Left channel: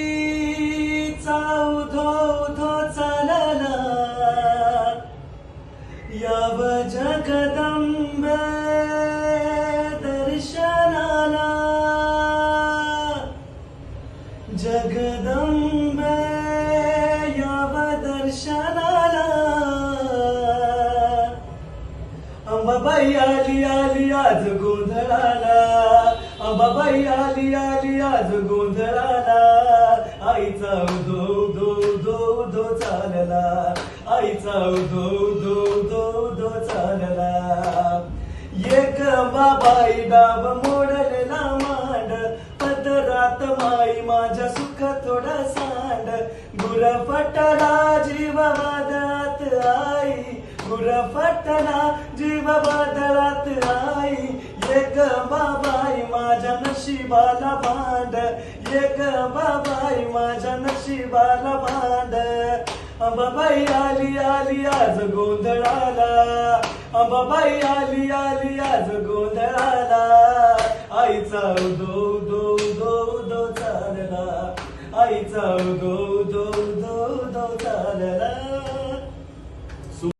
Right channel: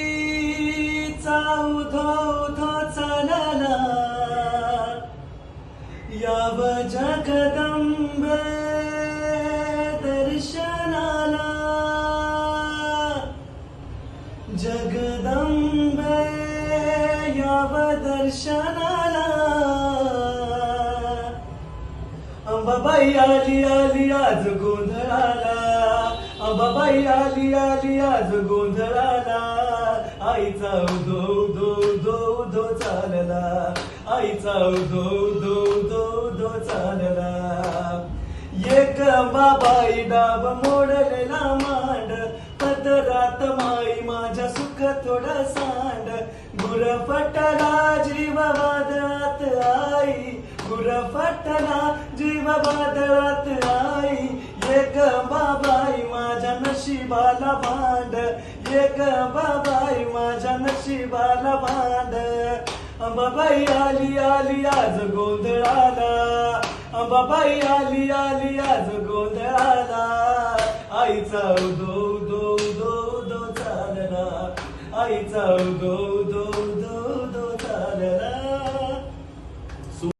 अंबाबाईचा उधो उधो चालला याव जगदंबे दर्शनाला जगदंबे याव दर्शनाला अंबाबाई आली आली आज गोंधळाला अंबाबाई आली आली आज गोंधळाला आईचा उधो उधो उधो उधो चालला आईचा उधो उधो उधो उधो चालला एक बाबाई डाब मोडलेला मांड पदरात माई माझ्या सुख थोडा सांड गुरफटला जीव वादळात आई गुरफटला जीव वादळात आई एक बाबाई माझ्या नशिबाला भांड एक बाबाई माझ्या नशिबाला भांड अंबाबाई आली आली आज गोंधळाला अंबाबाई आली आली आज गोंधळाला आईचा उधो उधो उधो उधो चालला आईचा उधो उधो उधो